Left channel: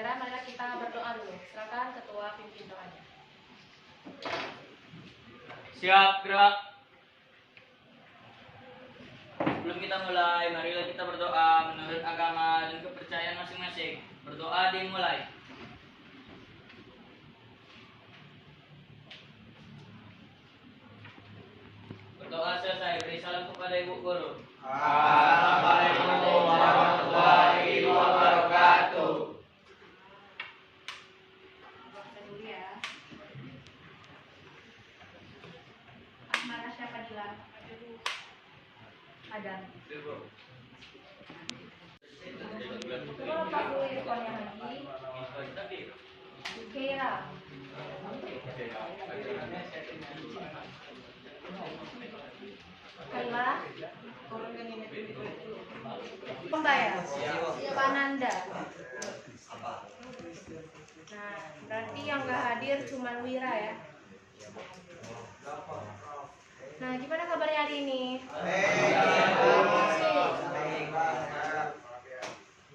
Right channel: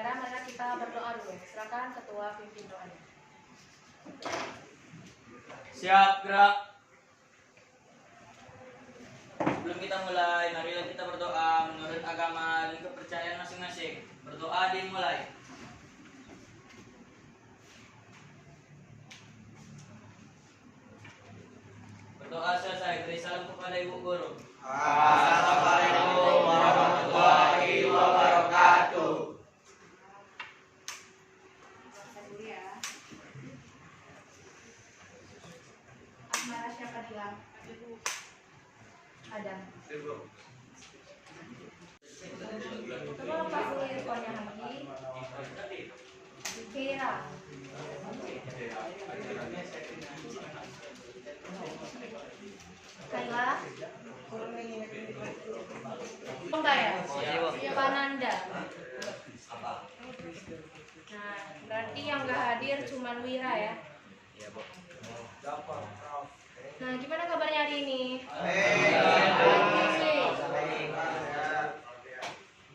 pembelajaran, marilah kita berdoa dulu. Silakan ketua pimpin doanya. Siap, gerak. Sebelum kita mulai, marilah kita berdoa menurut agama dan kepercayaan masing-masing. Berdoa dimulai. Berdoa selesai, beri salam kepada Ibu Guru. Assalamualaikum warahmatullahi wabarakatuh. Baca dulu ya. Asmara siapa bilang? Ada. Coba lepas dulu earphone-nya Haji. Kira. Kaila. Pembaya. Pananda. Nah, berarti yang nggak hadir cuma Wira ya. Nah, gimana kabarnya hari ini?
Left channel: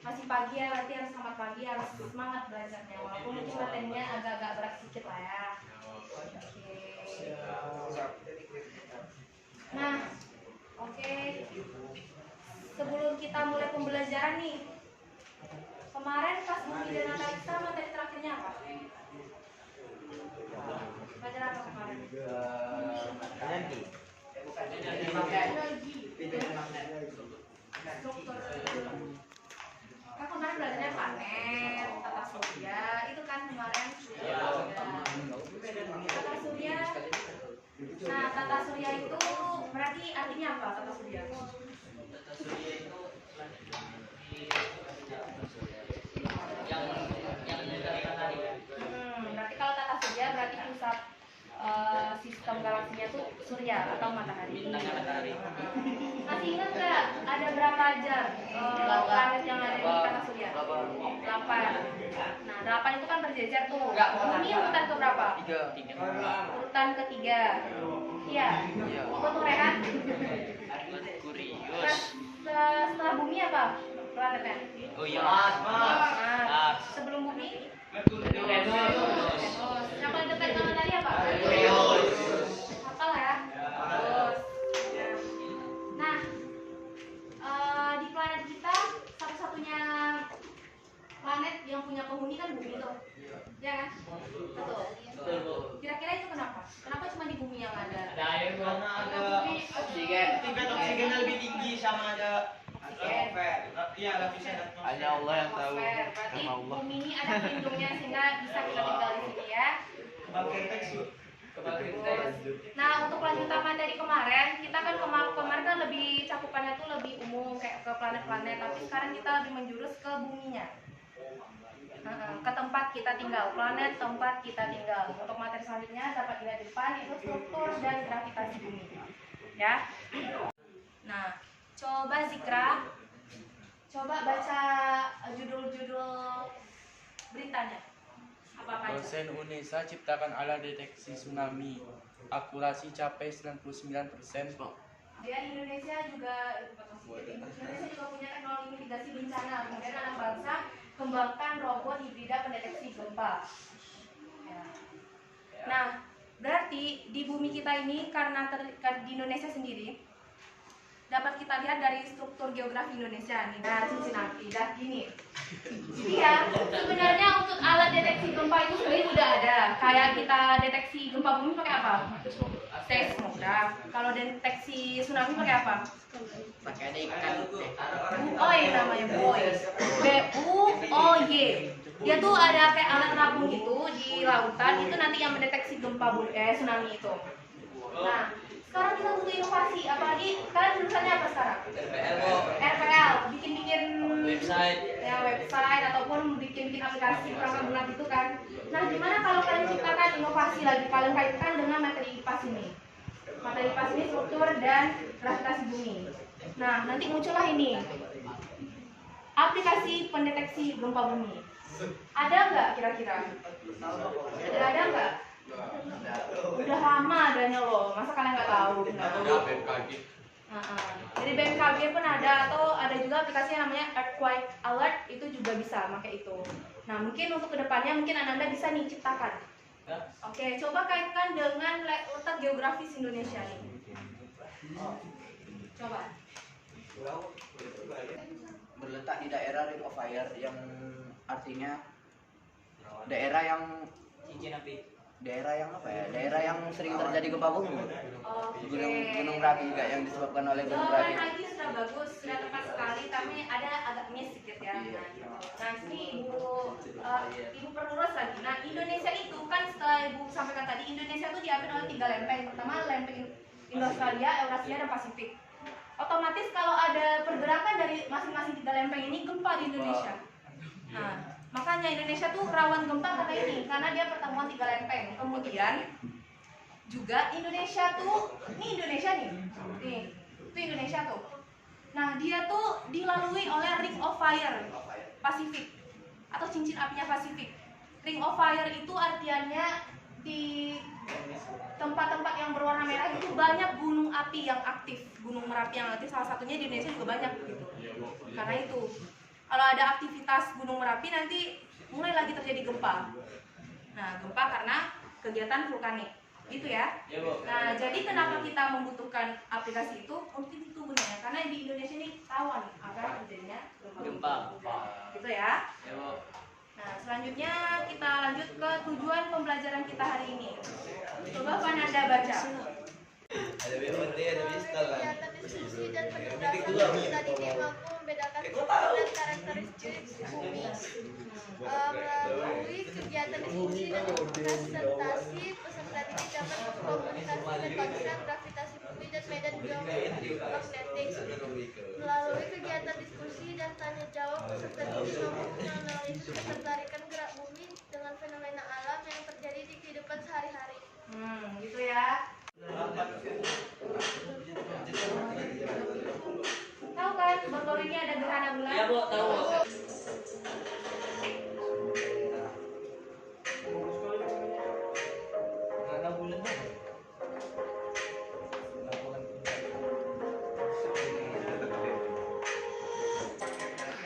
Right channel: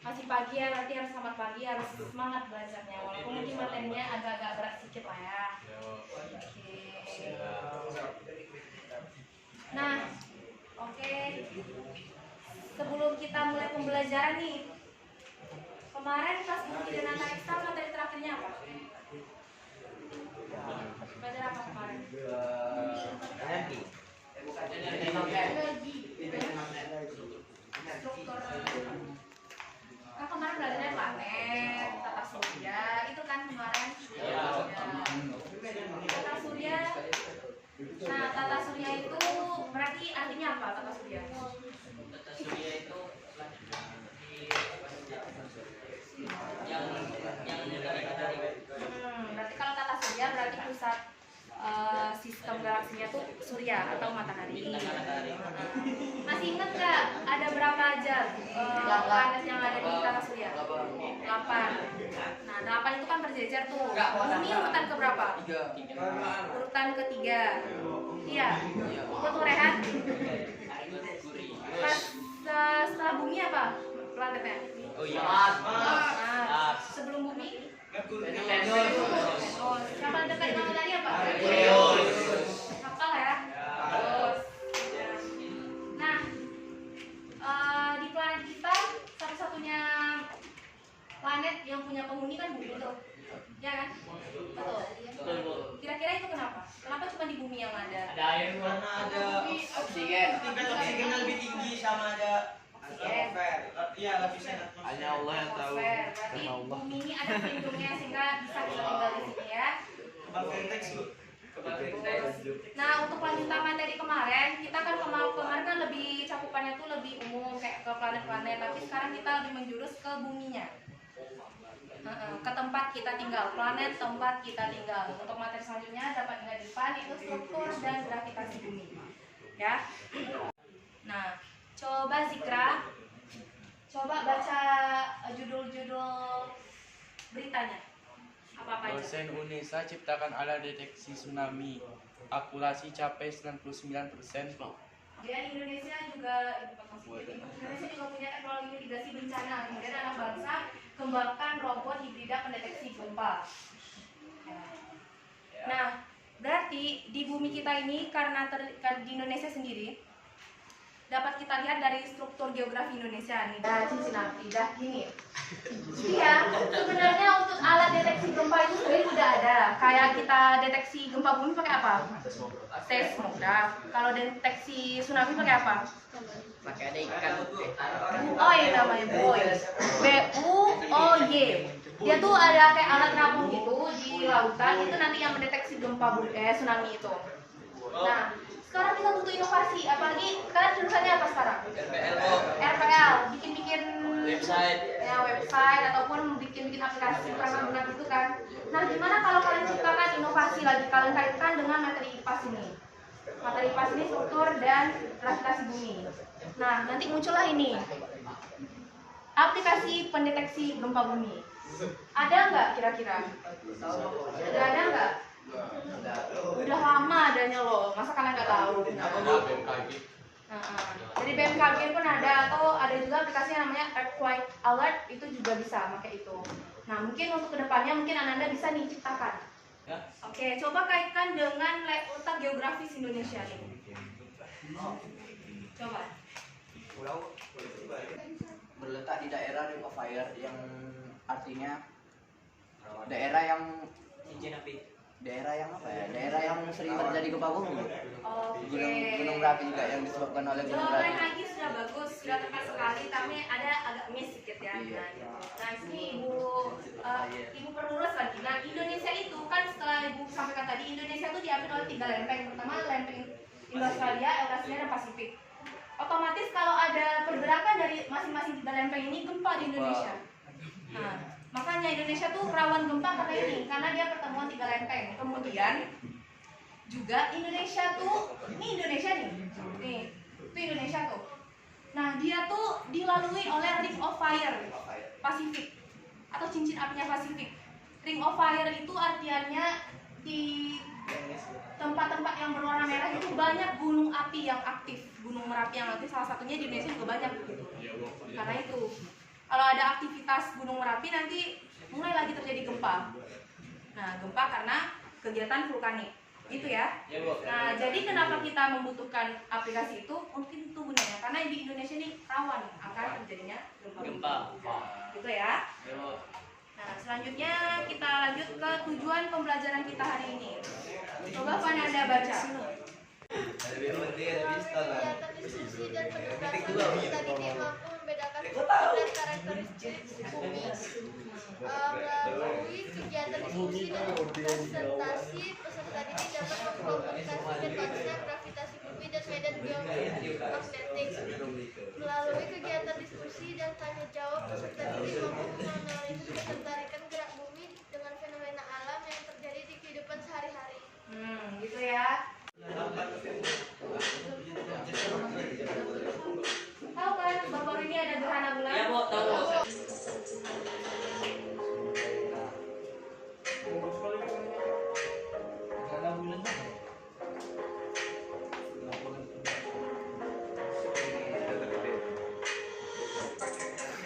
Masih pagi ya, nanti harus selamat pagi, harus semangat belajarnya. Walaupun mungkin materinya agak-agak berat sedikit lah ya. Oke. Nah, oke. Sebelum kita mulai pembelajaran nih, kemarin kelas Budi dan Analisa materi terakhirnya apa? Belajar apa kemarin? Struktur. Kan kemarin belajarnya planet, tata surya, itu kan kemarin. Tata surya. Nah, tata surya itu berarti artinya apa tata surya? Tata surya itu yang matahari. Berarti kalau tata surya berarti pusat sistem galaksinya tuh surya atau matahari. Masih ingat nggak ada berapa aja planet yang ada di tata surya? 8. Nah, 8 itu kan berjejer tuh. Bumi urutan ke berapa? 3. Urutan ketiga. Iya. Untuk Rehan. Setelah bumi apa planetnya? Oh iya. Mars. Sebelum bumi? Venus. Siapa ada tadi nama tadi apa? Hafal ya? Terus. Nah, di planet kita satu-satunya planet yang punya penghuni kan bumi tuh, ya kan? Betul. Kira-kira itu kenapa? Kenapa cuma di bumi yang ada? Ada air, Karena ada oksigen. tingkat oksigennya lebih tinggi sama ada atmosfer. Iya, lapisan atmosfer. Hanya Allah yang tahu. Berarti Sama Allah. bumi ini ada pelindungnya sehingga bisa kita tinggal di sini ya. Nah, untuk lanjutan materi kemarin, kita kan kemarin kan lebih cakupannya tuh lebih umum kayak ke planet-planet, tapi sekarang kita lebih menjurus ke buminya. Ke tempat kita tinggal, planet tempat kita tinggal. Untuk materi selanjutnya dapat dilihat di depan, itu struktur dan gravitasi bumi. Ya. Nah, coba Zikra, coba baca judul-judul beritanya. Apa aja? Dosen UNESA ciptakan alat deteksi tsunami. Akurasi capai 99%. Dia di Indonesia juga Indonesia juga punya teknologi mitigasi bencana. Kemudian anak bangsa kembangkan robot hibrida pendeteksi gempa. Ya. Nah, berarti di bumi kita ini karena di Indonesia sendiri dapat kita lihat dari struktur geografi Indonesia nih. Nah, Cincinnati dah gini. Iya, sebenarnya untuk alat deteksi gempa itu sendiri sudah ada. Kayak kita deteksi gempa bumi pakai apa? Seismograf. Kalau deteksi tsunami pakai apa? Pakai ada ikan. Buoy namanya, buoy. BUOY. Dia tuh ada kayak alat terapung gitu di lautan, itu nanti yang mendeteksi gempa bumi tsunami itu. Nah, sekarang kita butuh inovasi, apalagi kalian jurusannya apa sekarang? RPL, bikin-bikin Website. ya website ataupun bikin-bikin aplikasi perangkat lunak itu kan. Nah, gimana kalau kalian ciptakan inovasi lagi, kalian kaitkan dengan materi IPAS ini? Materi IPAS ini struktur dan gravitasi bumi. Nah, nanti muncullah ini aplikasi pendeteksi gempa bumi. Ada nggak kira-kira? Ada nggak? Udah lama adanya loh, masa kalian nggak tahu? Dari BMKG pun ada, atau ada juga aplikasi yang namanya Earthquake Alert, itu juga bisa pakai itu. Nah, mungkin untuk kedepannya mungkin Ananda bisa nih ciptakan. Ya. Oke, coba kaitkan dengan letak geografis Indonesia nih. Coba. Berletak di daerah Ring of Fire yang artinya daerah yang Cincin api. daerah yang apa ya? Daerah yang sering terjadi gempa bumi. Oke. Gunung berapi juga yang disebabkan oleh gunung berapi. Jawaban lagi sudah bagus, sudah tepat sekali, tapi ada agak miss sedikit ya. Nah, ini ibu perlurus lagi. Nah, Indonesia itu kan setelah ibu sampaikan tadi, Indonesia itu diambil oleh 3 lempeng. Pertama lempeng Indo-Australia, Eurasia, dan Pasifik. Otomatis kalau ada pergerakan dari masing-masing 3 lempeng ini gempa di Indonesia. Nah, makanya Indonesia tuh rawan gempa karena ini, karena dia pertemuan 3 lempeng. Kemudian juga Indonesia tuh, ini Indonesia nih, itu Indonesia tuh. Nah, dia tuh dilalui oleh Ring of Fire Pasifik atau cincin apinya Pasifik. Ring of Fire itu artinya di tempat-tempat yang berwarna merah itu banyak gunung api yang aktif, gunung merapi yang aktif. Salah satunya di Indonesia juga banyak gitu. Karena itu, kalau ada aktivitas gunung merapi nanti mulai lagi terjadi gempa. Nah, gempa karena kegiatan vulkanik. Gitu ya. Ya, Bu. Nah, jadi kenapa kita membutuhkan aplikasi itu? Mungkin itu gunanya. Karena di Indonesia ini rawan akan terjadinya Gempa. Gitu ya. Ya, Bu. Nah, selanjutnya kita lanjut ke tujuan pembelajaran kita hari ini. Coba Pananda baca. Kegiatan diskusi dan penugasan kita didik mampu membedakan struktur dan karakteristik bumi. Melalui kegiatan diskusi dan presentasi, peserta didik dapat mengkomunikasikan konsep gravitasi bumi dan medan geomagnetik. Melalui kegiatan diskusi dan tanya jawab, peserta didik mampu menganalisis ketertarikan gerak bumi dengan fenomena alam yang terjadi di kehidupan sehari-hari. Gitu ya. Tahu kan baru-baru ini ada gerhana bulan? Ya, Bu, tahu.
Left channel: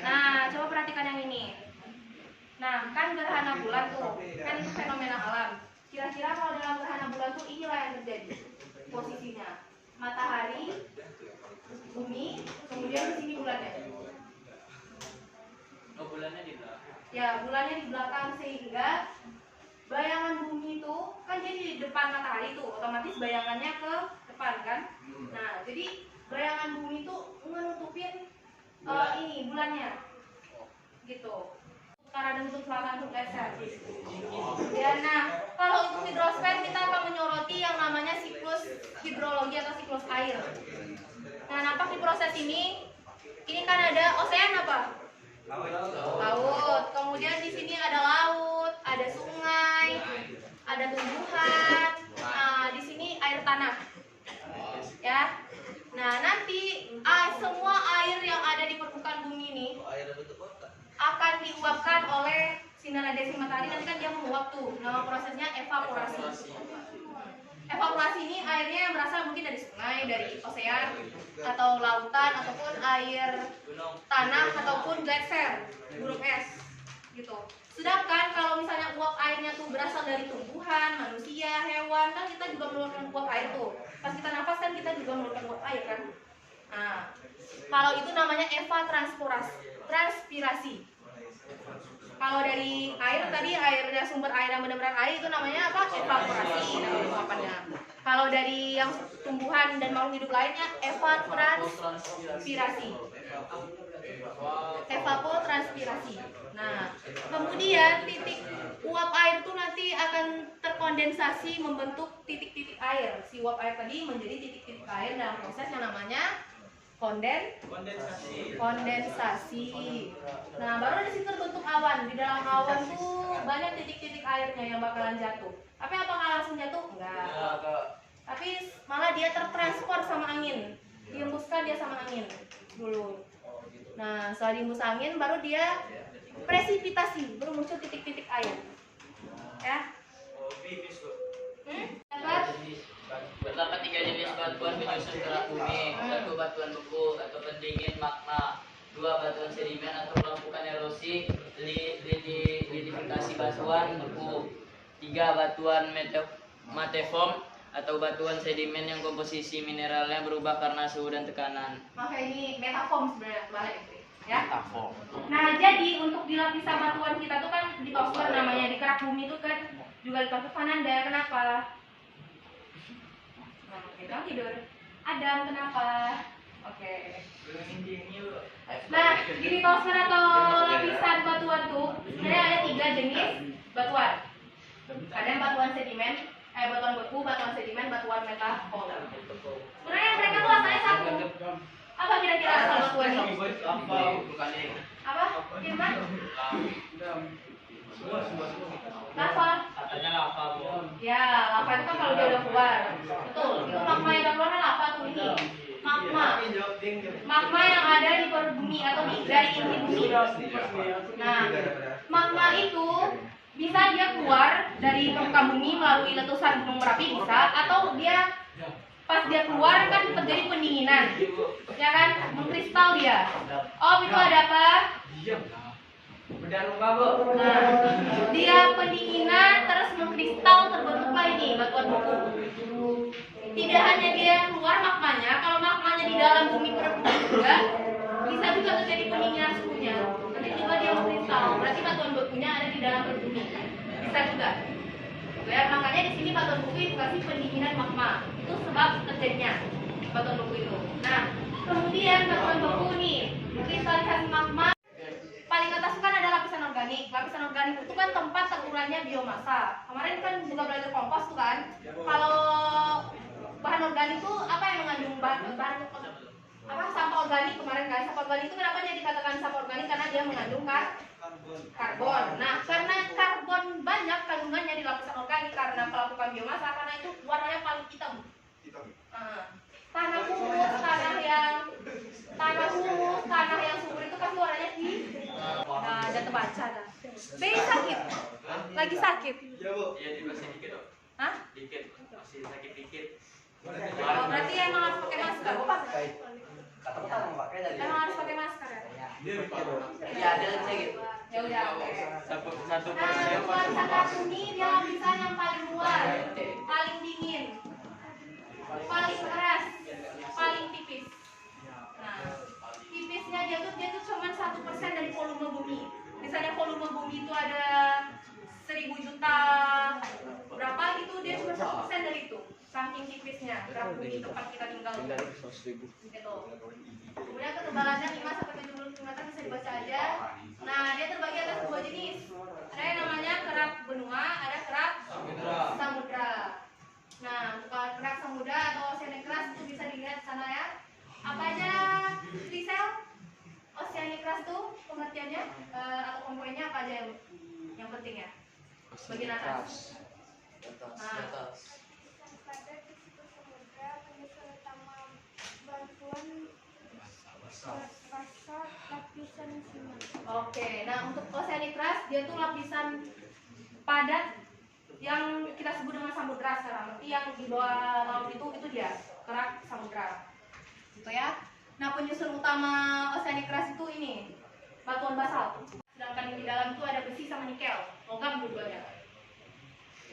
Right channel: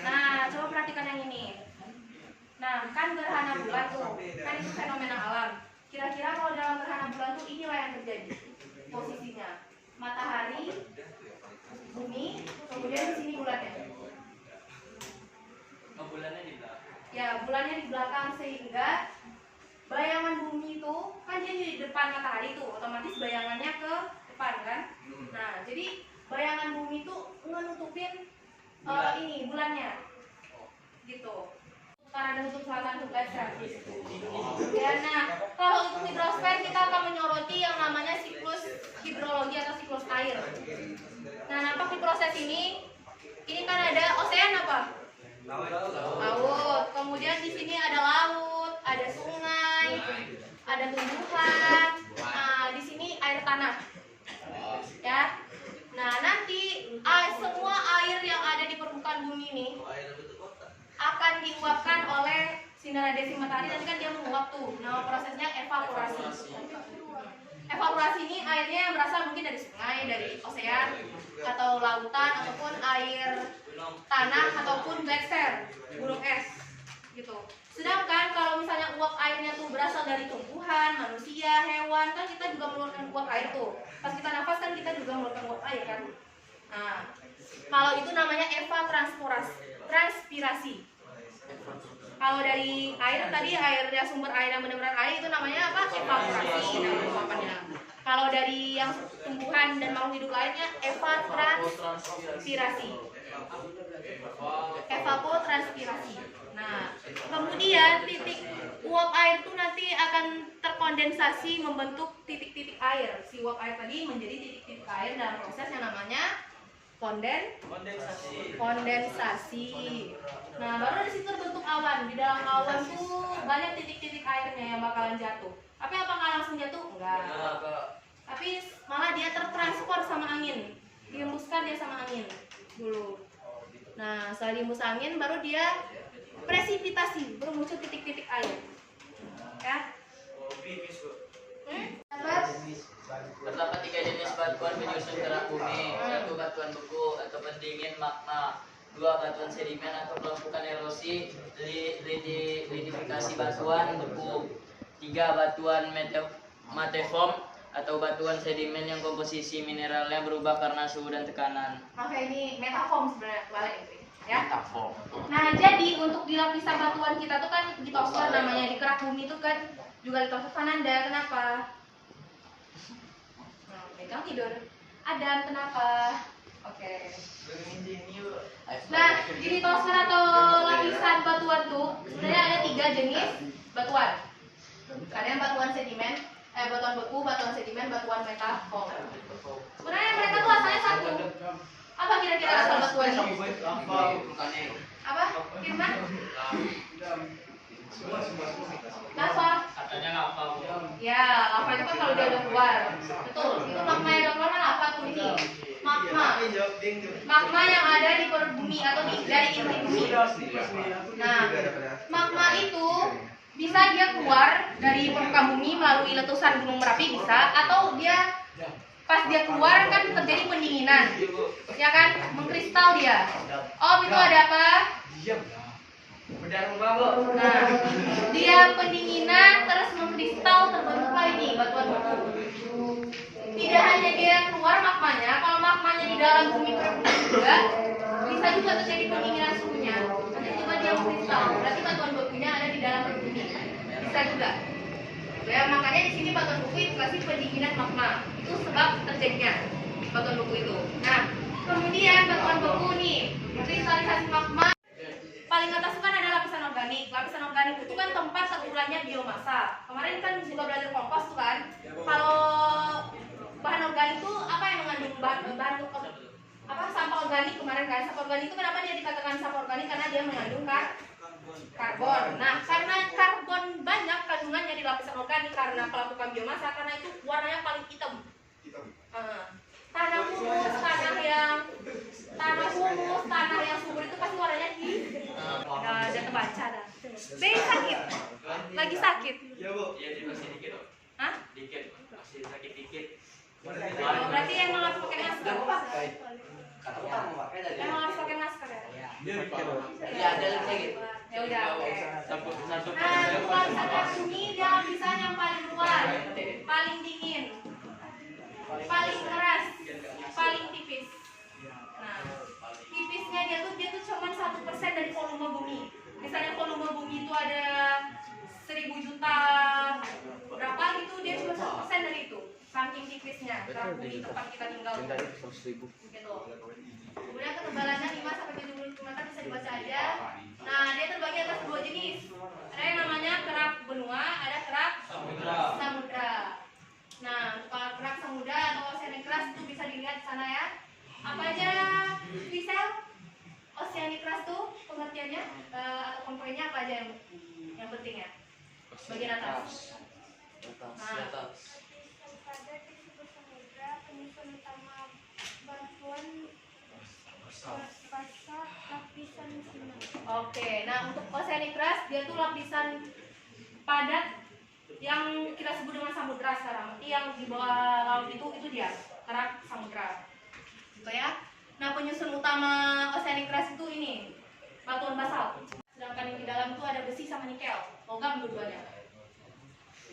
Nah, coba perhatikan yang ini. Nah, kan gerhana bulan tuh, kan itu fenomena alam. Kira-kira kalau dalam gerhana bulan tuh inilah yang terjadi posisinya. Matahari, bumi, kemudian di sini bulannya. Oh, bulannya di belakang. Ya, bulannya di belakang sehingga bayangan bumi itu kan dia di depan matahari tuh, otomatis bayangannya ke depan kan. Nah, jadi bayangan bumi itu nutupin ini bulannya, gitu. Utara dan kutub selatan tuh guys ya. Ya, nah kalau untuk hidrosfer kita akan menyoroti yang namanya siklus hidrologi atau siklus air. Nah, nampak di proses ini kan ada osean apa? Laut. Kemudian di sini ada laut, ada sungai, ada tumbuhan. Nah, di sini air tanah. Ya. Nah, nanti semua air yang ada di permukaan bumi ini akan diuapkan oleh sinar radiasi matahari dan kan dia menguap tuh. Nama prosesnya evaporasi. Evaporasi ini airnya yang berasal mungkin dari sungai, dari osean atau lautan ataupun air tanah ataupun glacier, gunung es gitu. Sedangkan kalau misalnya uap airnya tuh berasal dari tumbuhan, manusia, hewan, kan kita juga mengeluarkan uap air tuh. Pas kita nafas kan kita juga mengeluarkan uap air kan. Nah, kalau itu namanya evapotranspirasi. Kalau dari air tadi airnya sumber air yang benar-benar air itu namanya apa? Evaporasi nama uapannya. Kalau dari yang tumbuhan dan makhluk hidup lainnya evapotranspirasi. Evapotranspirasi. Nah, kemudian titik uap air itu nanti akan terkondensasi membentuk titik-titik air. Si uap air tadi menjadi titik-titik air dalam proses yang namanya kondensasi. Nah, baru di situ terbentuk awan. Di dalam awan tuh banyak titik-titik airnya yang bakalan jatuh. Tapi apakah langsung jatuh? Enggak. Tapi malah dia tertransport sama angin. Dihembuskan dia sama angin dulu. Nah, setelah dihembus angin baru dia presipitasi, baru muncul titik-titik air. Ya. Dapat? Terdapat 3 jenis batuan penyusun gerak bumi, 1 batuan beku atau pendingin magma, 2 batuan sedimen atau melumpuhkan erosi, batuan beku. 3. Batuan mateform atau batuan sedimen yang komposisi mineralnya berubah karena suhu dan tekanan. Oke, ini metaform sebenarnya balik itu ya. Metafor. Nah, jadi untuk di lapisan batuan kita tuh kan di topsoil namanya, di kerak bumi itu kan juga di topsoil. Fananda, kenapa? Pegang tidur. Adam, kenapa? Oke. Nah, gini topsoil atau lapisan batuan tuh sebenarnya ada 3 jenis batuan. Ada yang batuan sedimen, batuan beku, batuan sedimen, batuan metaform. Sebenarnya mereka tuh asalnya satu. Apa kira-kira asal batuan ini? Apa? Firman? Lava. Katanya lava. Ya, lava itu kan kalau dia udah keluar. Betul. Itu magma yang udah keluar kan lava tuh ini. Magma. Magma yang ada di perut bumi atau dari inti bumi. Nah, magma itu bisa dia keluar dari permukaan bumi melalui letusan gunung Merapi bisa, atau dia pas dia keluar kan terjadi pendinginan, ya kan, mengkristal dia. Oh, itu ada apa? Nah, dia pendinginan terus mengkristal terbentuklah ini batuan beku. Tidak hanya dia keluar magmanya, kalau magmanya di dalam bumi juga bisa juga terjadi pendinginan suhunya. Nanti juga dia mengkristal, berarti batuan bekunya ada di dalam perut bumi. Bisa juga. Ya, makanya di sini batuan beku dikasih pendinginan magma. Itu sebab terjadinya batuan beku itu. Nah, kemudian batuan beku nih, kristalisasi magma. Paling atas itu kan ada lapisan organik. Lapisan organik itu kan tempat terurainya biomasa. Kemarin kan juga belajar kompos tuh kan. Kalau bahan organik itu apa yang mengandung bahan apa, sampah organik kemarin kan. Sampah organik itu kenapa dia dikatakan sampah organik? Karena dia mengandung karbon. Nah, karena karbon banyak kandungannya di lapisan organik karena pelapukan biomasa, karena itu warnanya paling hitam. Tanah humus, tanah yang subur itu pasti warnanya hitam. Dan terbaca dah. Be sakit, lagi sakit. Iya, Bu. Iya, masih dikit dong. Hah? Dikit, masih sakit dikit. Oh, berarti emang harus pakai masker. Kata mau pakai dari. Emang harus pakai masker ya? Iya, ada lebih sedikit. Ya udah, oke. Satu Nah, nuansa bumi dia lapisan yang paling luar, paling dingin, paling keras, paling tipis. Nah, tipisnya dia tuh cuma 1% dari volume bumi. Misalnya volume bumi itu ada 1000 juta berapa gitu, dia cuma 1% dari itu. Saking tipisnya kerak bumi tempat kita tinggal. Gitu. Kemudian ketebalannya 5 sampai 70 meter bisa dibaca aja. Nah, dia terbagi atas 2 jenis. Ada yang namanya kerak benua, ada kerak samudra. Nah, kalau kerak samudra atau oceanic crust itu bisa dilihat di sana ya. Apa aja Lisel? Oceanic crust tuh pengertiannya atau komponennya apa aja yang penting ya? Bagian atas. Nah, Pada di situ samudra, penyusun utama batuan rasa lapisan siman. oke. Nah, untuk oceanic crust dia tuh lapisan padat yang kita sebut dengan samudra sekarang. Berarti yang di bawah laut itu dia kerak samudra. Gitu ya. Nah, penyusun utama oceanic crust itu ini batuan basalt. Sedangkan yang di dalam itu ada besi sama nikel, logam dua-duanya.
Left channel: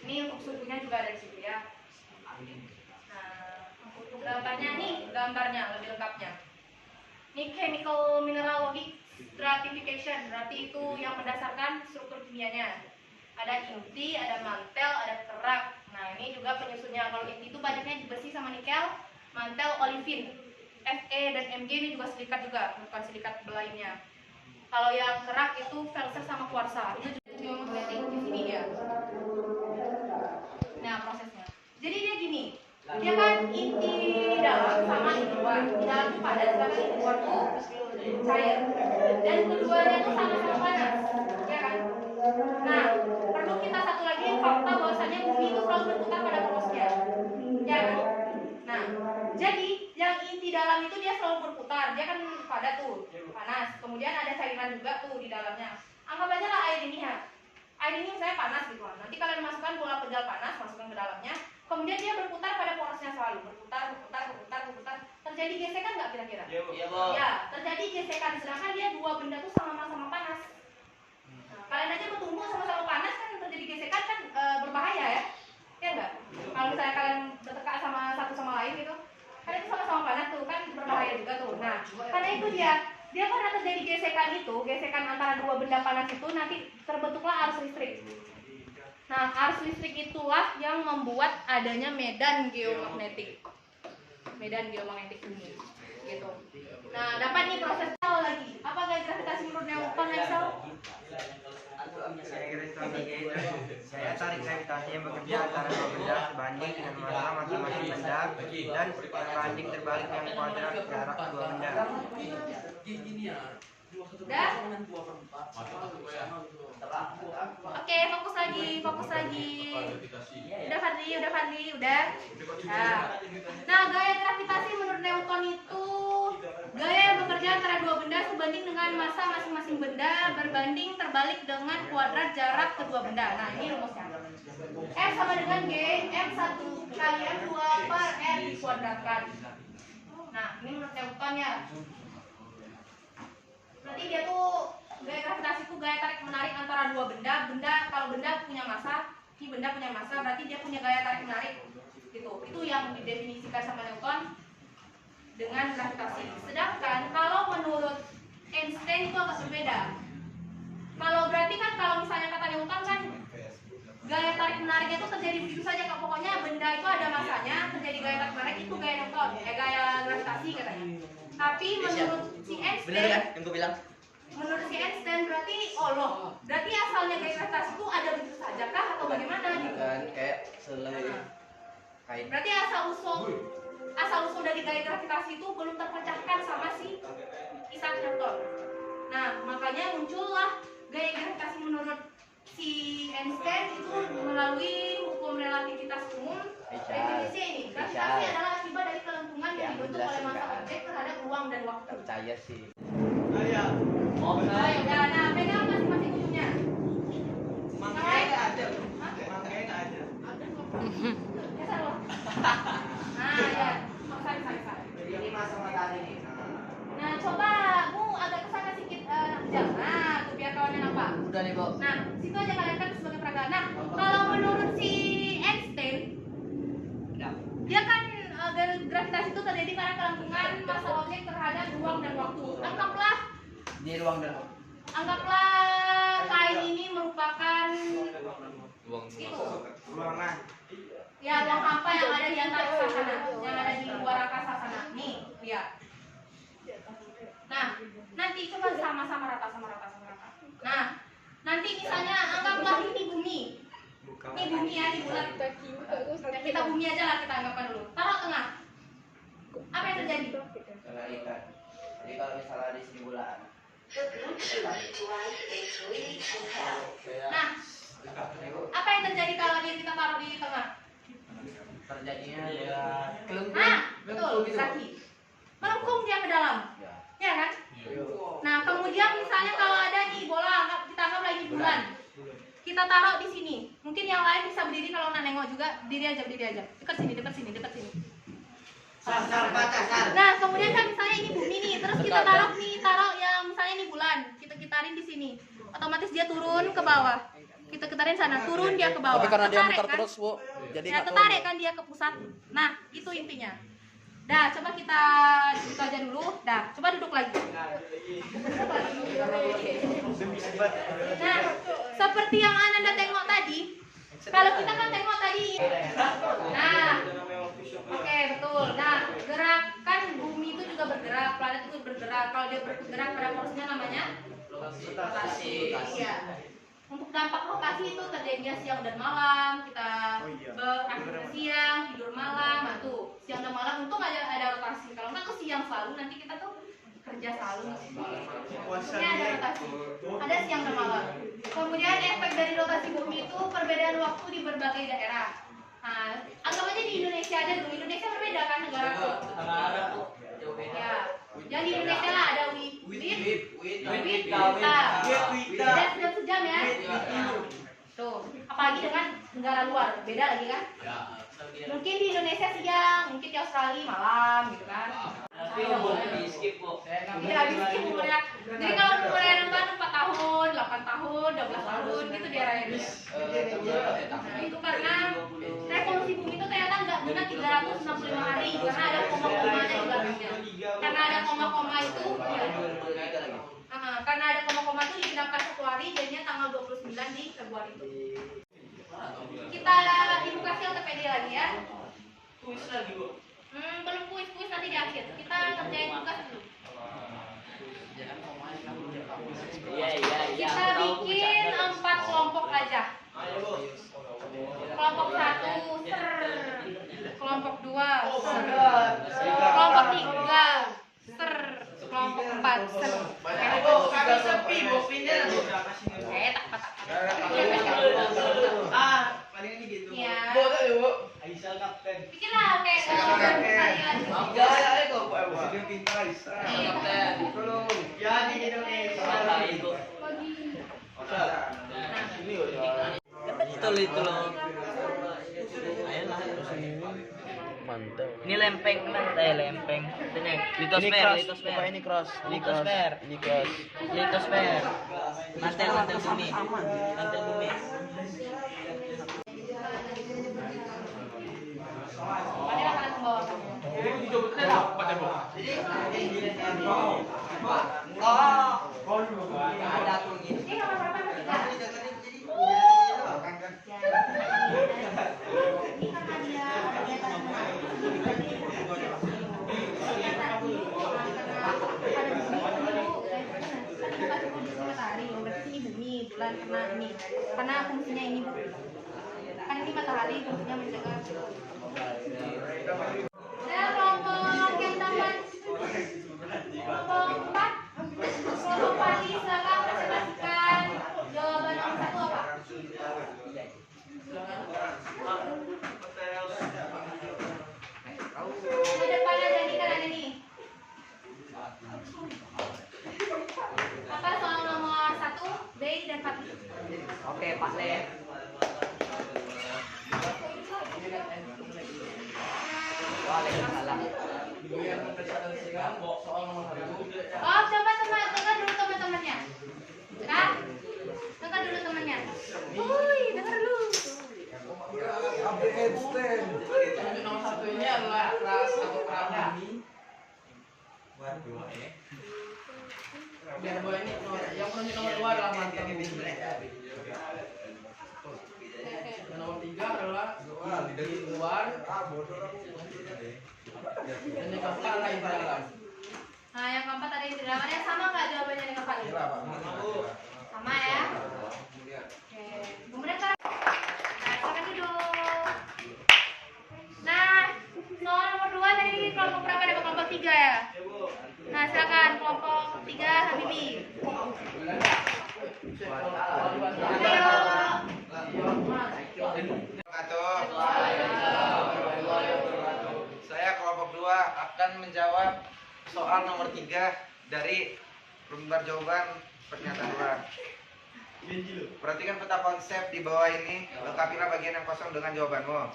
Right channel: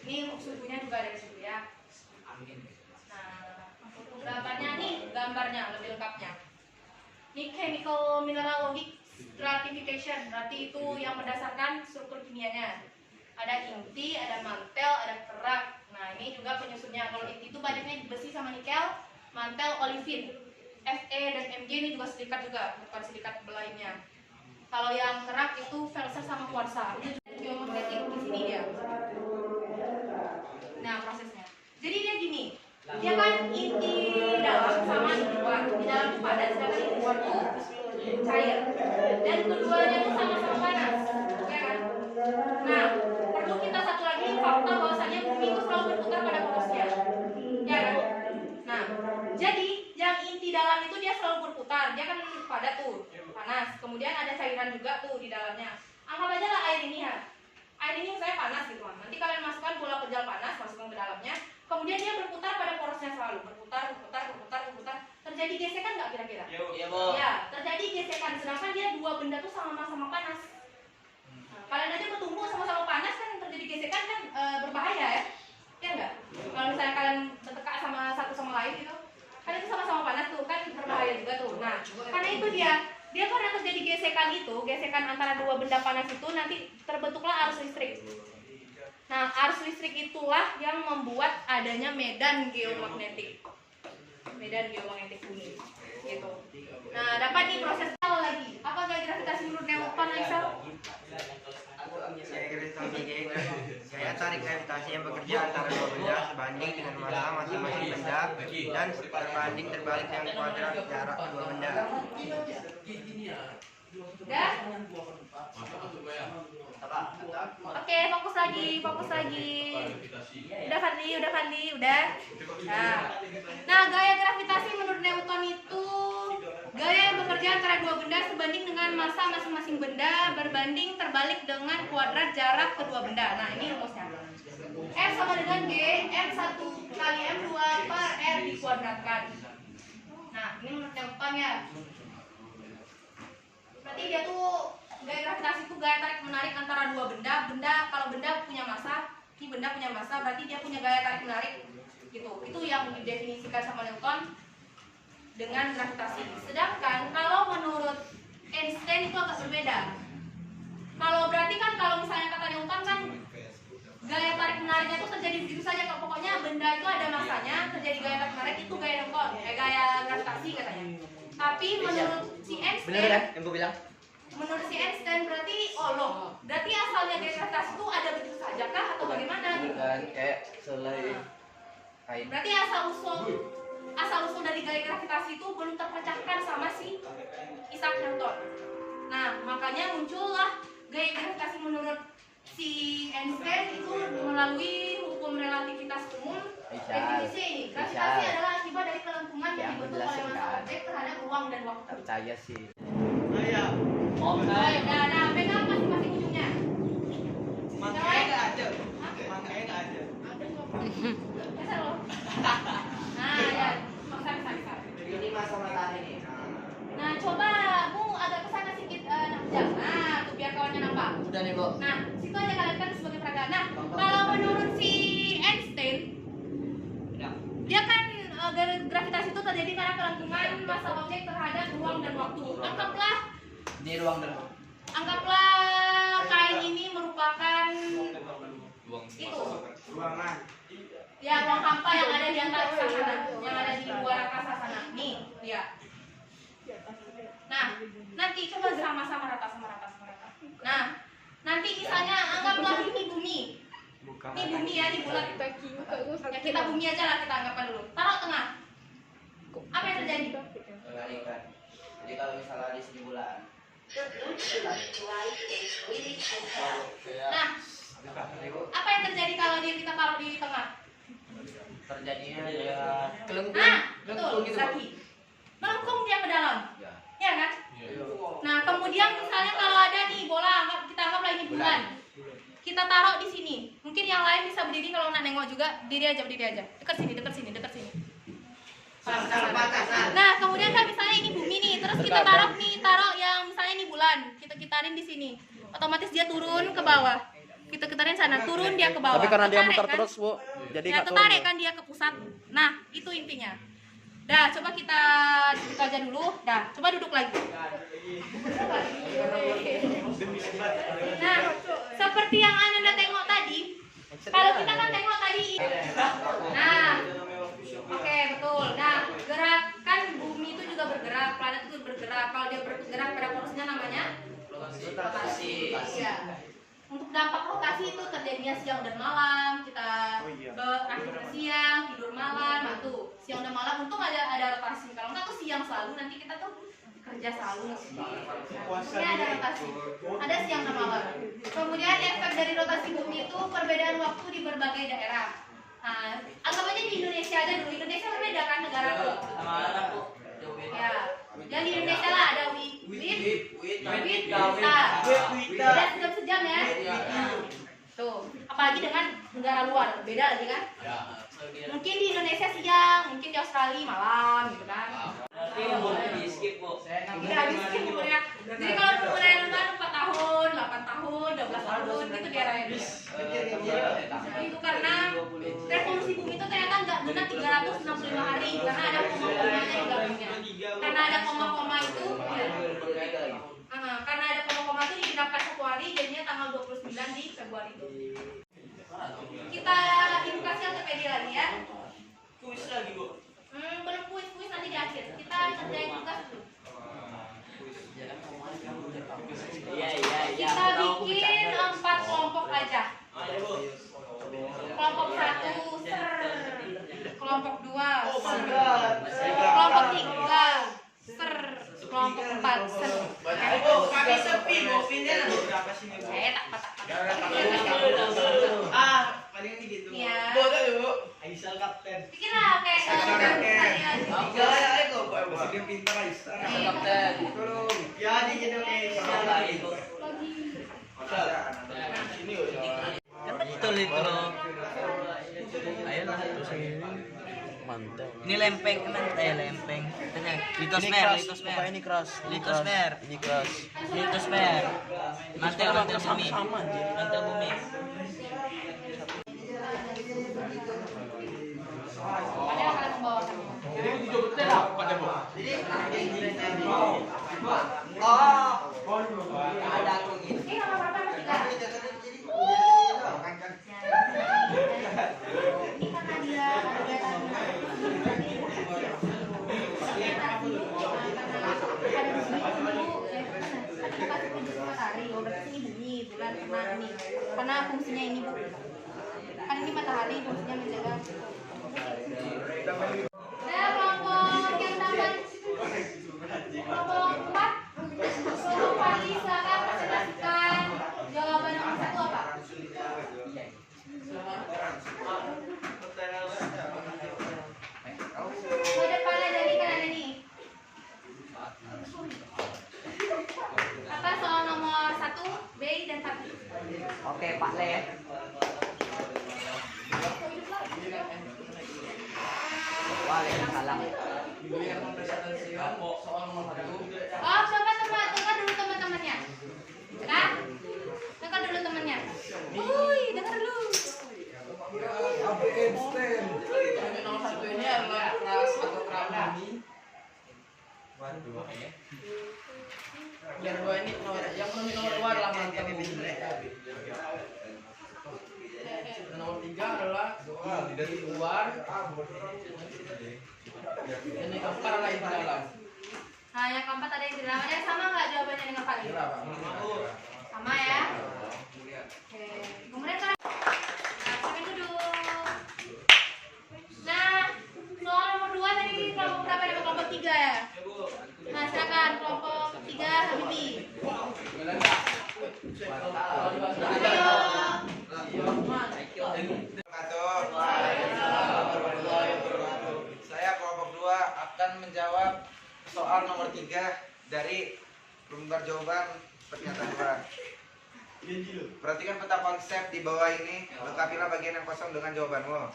Ini untuk suhunya juga ada di situ ya. Nah, untuk gambarnya nih, gambarnya lebih lengkapnya. Ini chemical mineralogic stratification, berarti itu yang berdasarkan struktur kimianya. Ada inti, ada mantel, ada kerak. Nah, ini juga penyusunnya. Kalau inti itu banyaknya besi sama nikel, mantel olivin. Fe dan Mg ini juga silikat juga, bukan silikat lainnya. Kalau yang kerak itu felser sama kuarsa. Itu juga magnetik di sini dia. Nah, prosesnya. Jadi dia gini. Dia kan inti dalam sama inti luar. Di dalam itu padat, sedangkan inti luar itu cair. Dan keduanya itu sama-sama panas, ya kan? Nah, perlu kita satu lagi fakta bahwasanya bumi itu selalu berputar pada porosnya, ya kan? Nah, jadi yang inti dalam itu dia selalu berputar. Dia kan padat tuh, panas. Kemudian ada cairan juga tuh di dalamnya. Anggap aja lah air ini ya. Air ini misalnya panas gitu kan. Nanti kalian masukkan bola pedal panas, masukkan ke dalamnya. Kemudian dia berputar pada porosnya selalu, berputar. Terjadi gesekan nggak kira-kira? Iya, Bu. Ya, terjadi gesekan. Sedangkan dia dua benda tuh sama-sama panas. Nah, kalian aja bertumbuh sama-sama panas kan antara dua benda panas itu nanti terbentuklah arus listrik. Nah, arus listrik itulah yang membuat adanya medan geomagnetik. Medan geomagnetik bumi. Gitu. Nah, dapat nih proses lagi. Apa gaya gravitasi menurut Newton, Aisyah? Gaya tarik gravitasi yang bekerja antara dua benda sebanding dengan massa masing-masing benda dan terbanding terbalik dengan kuadrat jarak dua benda. Udah? Oke, fokus lagi. Udah Fadli, udah. Nah, gaya gravitasi menurut Newton itu gaya yang bekerja antara dua benda sebanding dengan massa masing-masing benda berbanding terbalik dengan kuadrat jarak kedua benda. Nah, ini rumusnya. F sama dengan G, M1 kali M2 per R dikuadratkan. Nah, ini menurut Newton ya. Berarti dia tuh gaya gravitasi itu gaya tarik menarik antara dua benda. Kalau benda punya massa, ini benda punya massa, berarti dia punya gaya tarik menarik gitu. Itu yang didefinisikan sama Newton dengan gravitasi. Sedangkan kalau menurut Einstein itu agak berbeda. Kalau berarti kan kalau misalnya kata Newton kan gaya tarik menariknya itu terjadi begitu saja. Pokoknya benda itu ada massanya, terjadi gaya tarik menarik, itu gaya Newton, gaya gravitasi katanya. Tapi menurut si Einstein, menurut si Einstein berarti berarti asalnya gaya gravitasi itu ada begitu saja kah atau bagaimana? Kayak selai kain. Berarti asal usul dari gaya gravitasi itu belum terpecahkan sama si Isaac Newton. Nah, makanya muncullah gaya gravitasi menurut si Einstein itu melalui hukum relativitas umum. Definisi ini, gravitasi adalah akibat dari kelentungan yang dibentuk oleh massa objek terhadap ruang dan waktu. Percaya sih. Oh ya, nah pegang masing-masing ujungnya. Makanya nggak ada. Makanya nggak ada. Geser loh. Nah, ya. Sorry. Ini masa matahari nih. Nah, coba Bu agak kesana sedikit nak jam. Nah, tuh biar kawannya nampak. Udah nih, Bu. Nah, situ aja kalian kan sebagai peragaan. Nah, kalau menurut si Einstein, dia kan gravitasi itu terjadi karena kelentungan massa objek terhadap ruang dan waktu. Anggaplah kain ini merupakan itu Ruangan. ya ruang hampa yang ada di antara sana, yang ada di luar angkasa sana. Nih, lihat. Nah, nanti coba sama-sama rata. Nah, nanti misalnya anggaplah ini bumi. Ini bumi ya, di bulan. Ya, kita bumi aja lah, kita anggapkan dulu. Taruh tengah. Apa yang terjadi? Kebalikan. Jadi kalau misalnya di sini bulan. Nah, apa yang terjadi kalau kita taruh di tengah? Terjadinya ya Nah, betul, Zaki. Melengkung dia ke dalam. Ya kan? Nah, kemudian misalnya kalau ada nih bola, kita anggap lagi bulan. Kita taruh di sini. Mungkin yang lain bisa berdiri kalau nak nengok juga, berdiri aja. Dekat sini. Nah, kemudian kan misalnya ini bumi nih, terus kita taruh yang misalnya ini bulan. Kita kitarin di sini. Otomatis dia turun ke bawah. Kita kitarin sana, turun dia ke bawah. Tapi karena dia Tertarik, muter kan? terus, Bu, jadi Ya, nggak tertarik turun. kan dia ke pusat. Nah, itu intinya. Dah, coba kita duduk aja dulu. Dah, coba duduk lagi. Nah, seperti yang Ananda tengok tadi, kalau kita kan tengok tadi. Nah, oke, betul. Nah, gerakan bumi itu juga bergerak, planet itu bergerak. Kalau dia bergerak pada porsinya namanya rotasi. Iya. Untuk dampak rotasi itu terjadinya siang dan malam. Kita beraktivitas siang, tidur malam. Nah, tuh siang dan malam. Untung ada rotasi. Kalau enggak tuh siang selalu, nanti kita tuh kerja selalu. Nah, ada rotasi. Ada siang dan malam. Kemudian efek dari rotasi bumi itu perbedaan waktu di berbagai daerah. Nah, anggap aja di Indonesia aja dulu. Indonesia berbeda kan negara tuh. Ya. Dan di Indonesia lah ada beda sejam-sejam ya. Tuh, apalagi dengan negara luar, beda lagi kan? Mungkin di Indonesia siang, mungkin di Australia malam gitu kan. Tapi yang boleh di skip, Bu. Iya, di skip umurnya. Jadi kalau umurnya nonton 4 tahun, 8 tahun, 12 tahun gitu dia raya. Nah, itu karena revolusi bumi itu ternyata nggak benar 365 hari karena ada koma-komanya di belakangnya. Karena ada koma-koma itu, ya. Nah, karena ada koma-koma itu digenapkan 1 hari, jadinya tanggal 29 di Februari itu. Kita edukasi ortopedi lagi ya. Kuis lagi, Bu. Belum kuis nanti di akhir. Kita kerjain tugas dulu. Iya. Kita bikin 4 kelompok aja. Kelompok 1 ser, kelompok 2 ser, kelompok 3 ser, kelompok 4 ser. Bu, kami sepi, Bu. Pindah berapa sih? Paling ini gitu. Iya. Bu, kan, Bu. Aisyah kapten. Bikin lah kayak Ya, di Indonesia. itu. Kan betul itu loh. Ayolah. Mantap. Ini lempeng lempeng. Ini litosfer. Ini keras. Litosfer. Ini keras. Litosfer. Mantel bumi. Mantel bumi. Padahal akan membawakannya. Ada aku gitu. Ini nomor berapa nomor 3? Ini karena dia ada kegiatan menarik. Kegiatan dulu karena ada di sini dulu kita kasih kondisi matahari, berarti ini bumi, bulan, nah ini karena fungsinya ini Bu. Kan ini matahari fungsinya menjaga. Nah, kelompok yang tambahan kelompok 4 silakan presentasikan jawaban nomor 1 apa? Ke depan aja nih, kan ada nih. Apa soal nomor 1, B dan 4? Oke, Pak Le. Oh, coba dengar dulu teman-temannya. Dengar? Dengar dulu temannya. Woi, dengar dulu. Nomor 1 ini adalah keras atau keram bumi. Yang 2 ini yang penunjuk nomor 2 adalah mantel bumi. Dan nomor 3 adalah di luar. Dan yang keempat adalah di dalam. Nah, yang keempat ada yang di dalam. Ada yang sama nggak jawabannya dengan Pak? Sama ya. Oke. Kemudian nah, silakan duduk. Nah, soal nomor 2 tadi ini kelompok berapa? Ada kelompok 3 ya? Nah, silakan kelompok 3 Habibi. Ayo. Saya kelompok 2 akan menjawab soal nomor 3 dari lembar jawaban pernyataan luar. Perhatikan peta konsep di bawah ini, lengkapilah bagian yang kosong dengan jawabanmu.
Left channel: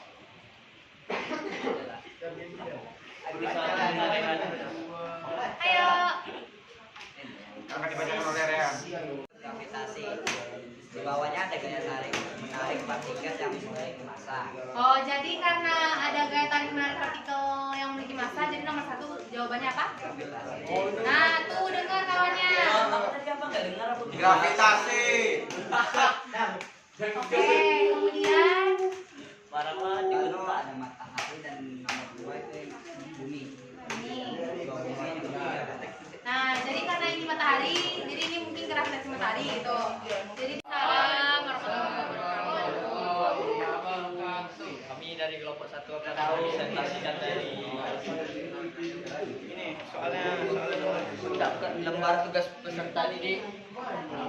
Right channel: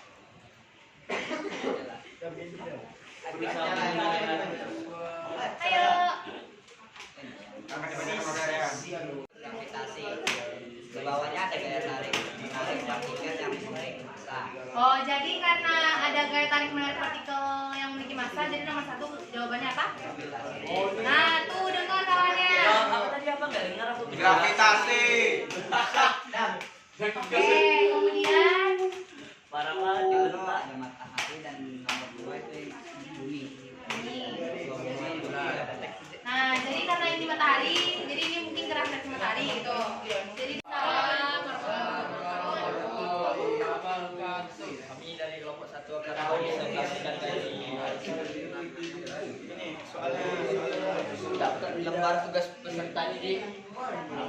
Ayo. Akan dibacakan oleh Rehan. Gravitasi. Di bawahnya ada gaya tarik menarik partikel yang memiliki massa. Oh, jadi karena ada gaya tarik menarik partikel yang memiliki massa, jadi nomor 1 jawabannya apa? Nah, tuh dengar kawannya. Tadi apa nggak dengar aku? Gravitasi. Oke, kemudian Parah banget. Lalu ada matahari dan nomor 2 itu bumi. nah, jadi karena ini matahari, jadi ini mungkin gravitasi matahari gitu. Jadi Kami dari kelompok 1 akan presentasikan dari Ini soalnya nomor mendapatkan lembar tugas peserta didik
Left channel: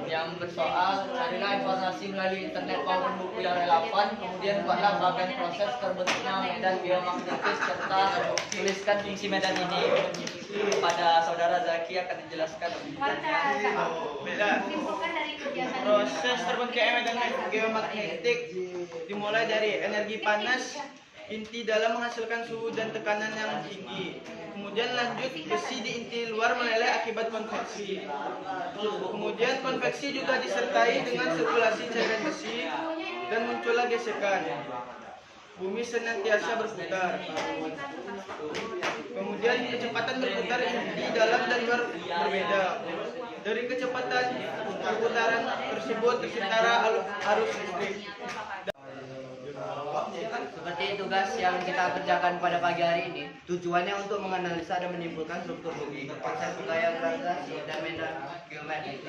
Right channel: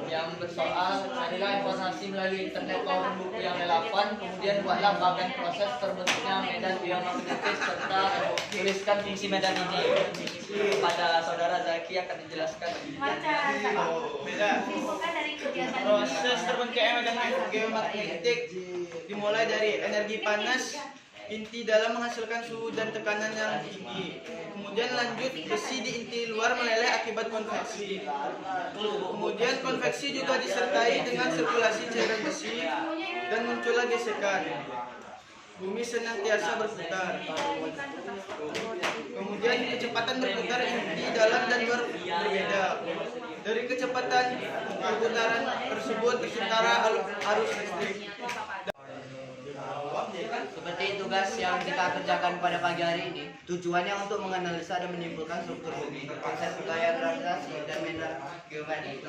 yang bersoal carilah informasi melalui internet maupun buku yang relevan, kemudian buatlah bagian proses terbentuknya medan geomagnetis serta tuliskan fungsi medan ini. Kepada saudara Zaki akan dijelaskan detailnya. beda. dari kegiatan Proses terbentuknya medan geomagnetik dimulai dari energi panas inti dalam menghasilkan suhu dan tekanan yang tinggi. Kemudian lanjut besi di inti luar meleleh akibat konveksi. Kemudian konveksi juga disertai dengan sirkulasi cairan besi dan muncullah gesekan. bumi senantiasa berputar. Kemudian kecepatan berputar inti dalam dan luar berbeda. Dari kecepatan perputaran tersebut tercipta arus listrik. Seperti tugas yang kita kerjakan pada pagi hari ini, tujuannya untuk menganalisa dan menyimpulkan struktur bumi, konsep gaya gravitasi dan medan geometrik,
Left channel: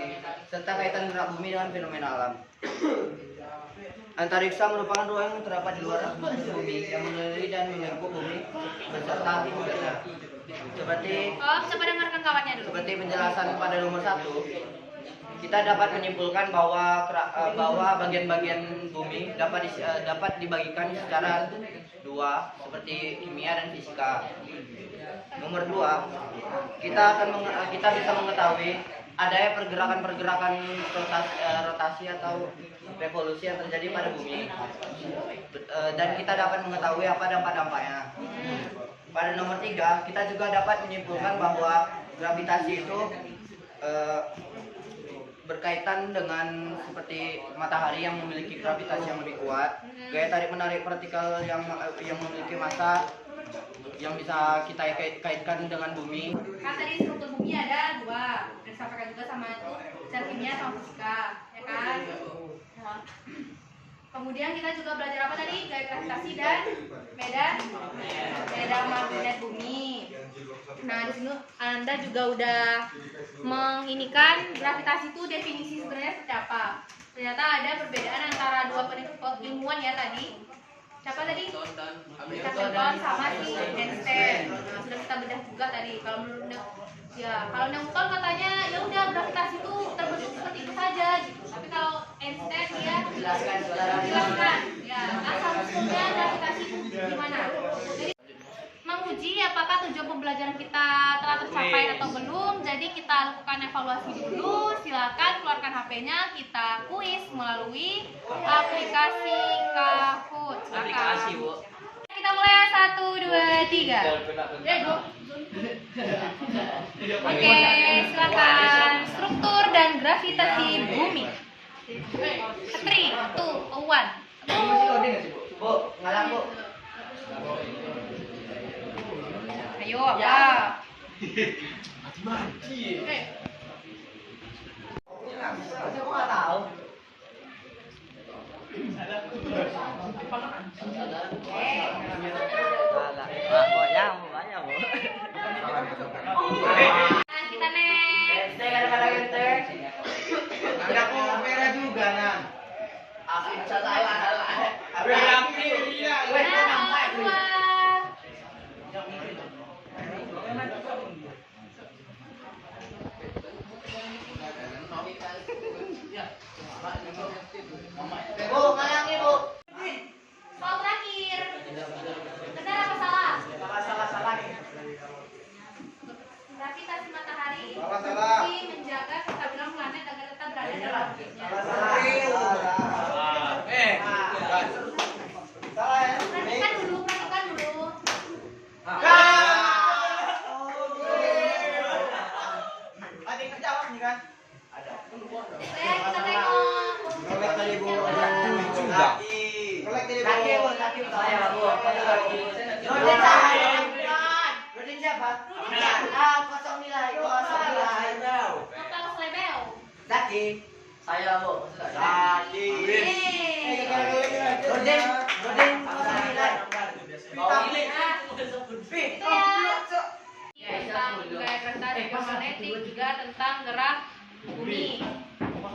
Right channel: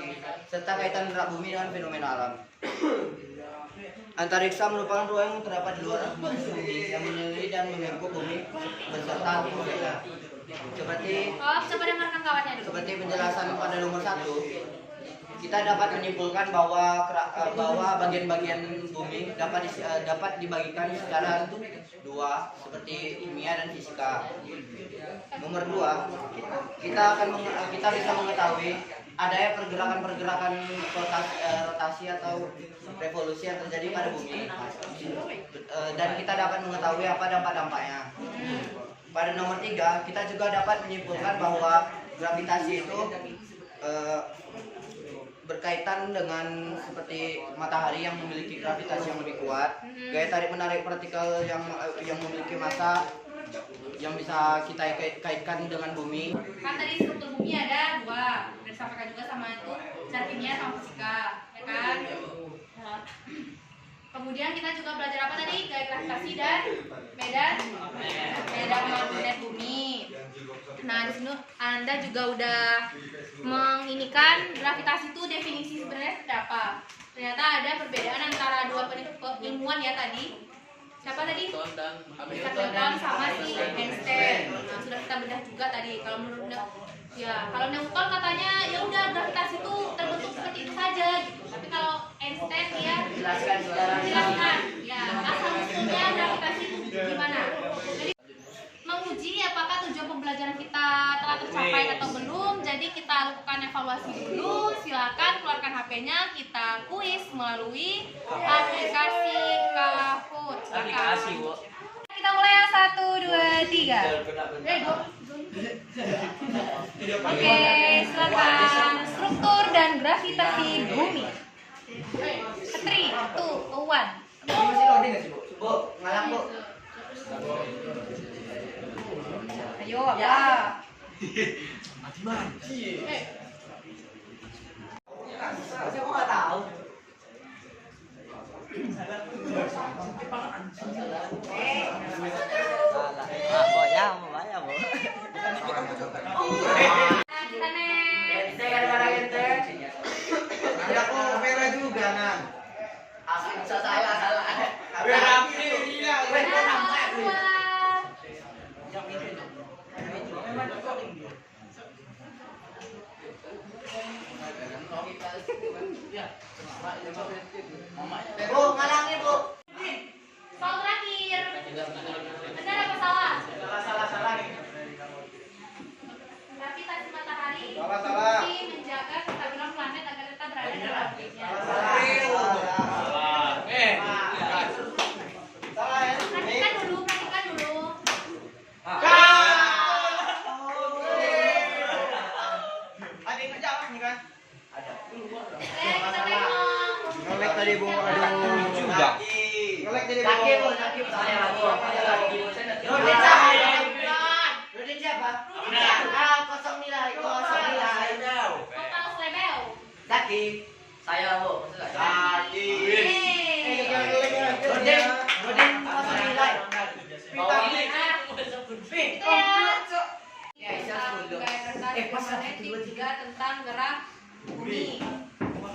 serta kaitan gerak bumi dengan fenomena alam. Antariksa merupakan ruang yang terdapat di luar atmosfer bumi yang mengelilingi dan melingkup bumi beserta atmosfernya. Seperti penjelasan pada nomor 1, kita dapat menyimpulkan bahwa bagian-bagian bumi dapat dibagikan secara dua seperti kimia dan fisika. Nomor 2, kita bisa mengetahui adanya pergerakan-pergerakan rotasi atau revolusi yang terjadi pada bumi, dan kita dapat mengetahui apa dampak-dampaknya. Pada nomor 3, kita juga dapat menyimpulkan bahwa gravitasi itu berkaitan dengan seperti matahari yang memiliki gravitasi yang lebih kuat, gaya tarik menarik partikel yang memiliki massa yang bisa kita kaitkan dengan bumi. Kan tadi struktur bumi ada 2, dan disampaikan juga sama itu secara kimia sama fisika, ya kan? Nah, kemudian kita juga belajar apa tadi? Gaya gravitasi dan medan magnet bumi. Nah, di sini Anda juga udah menginikan gravitasi itu definisi sebenarnya seperti apa. Ternyata ada perbedaan antara dua ilmuwan ya tadi. Siapa tadi? Newton sama si Einstein. Nah, sudah kita bedah juga tadi. Kalau menurut kalau Newton katanya ya udah gravitasi itu terbentuk seperti itu saja gitu. Tapi kalau Einstein dia jelaskan ya asal usulnya gravitasi itu gimana. Jadi menguji apakah tujuan pembelajaran kita telah tercapai atau belum. Jadi kita lakukan evaluasi dulu. Silakan keluarkan HP-nya, kita kuis melalui aplikasi Kahoot. Silakan. Kita mulai 1, 2, 3. Oke, silakan. Struktur dan gravitasi bumi. 3, 2, 1. Bu, ngalang bu. Ayo, ya. Aku nggak tahu. Kita next. Ada aku merah juga nang. Bu, ngalangin bu. Soal terakhir. Benar apa salah? Salah. Gravitasi matahari Salah. berfungsi menjaga kestabilan planet agar tetap berada dalam orbitnya. Perhatikan dulu. Ada yang jawab nih kan? Kita tengok. Nolek tadi bu. Nolek tadi bu. Kaki bu, saya bu. Rodin siapa? 09. Total sledeo. Zaki. Saya bu. Zaki. Rodin 09. Itu ya. Tentang gaya gravitasi geomagnetik, juga tentang gerak bumi.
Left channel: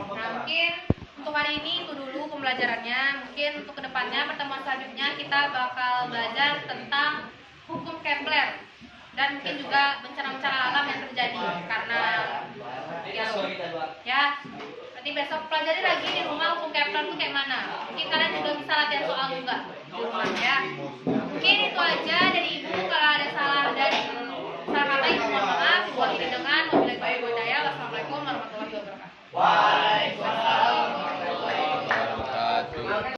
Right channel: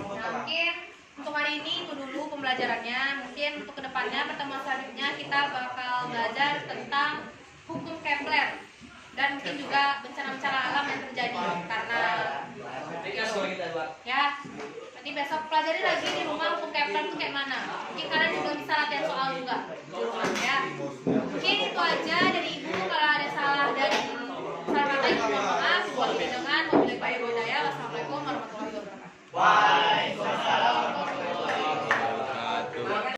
Nah, mungkin untuk hari ini itu dulu pembelajarannya. Mungkin untuk kedepannya pertemuan selanjutnya kita bakal belajar tentang hukum Kepler dan mungkin juga bencana-bencana alam yang terjadi karena ya. Nanti besok pelajari lagi di rumah hukum Kepler itu kayak mana. Mungkin kalian juga bisa latihan soal juga di rumah ya. Mungkin itu aja dari ibu. Kalau ada salah dan salah kata ibu mohon maaf. Buat tidak dengan wabillahi taufiq wal hidayah. Wassalamualaikum warahmatullahi wabarakatuh.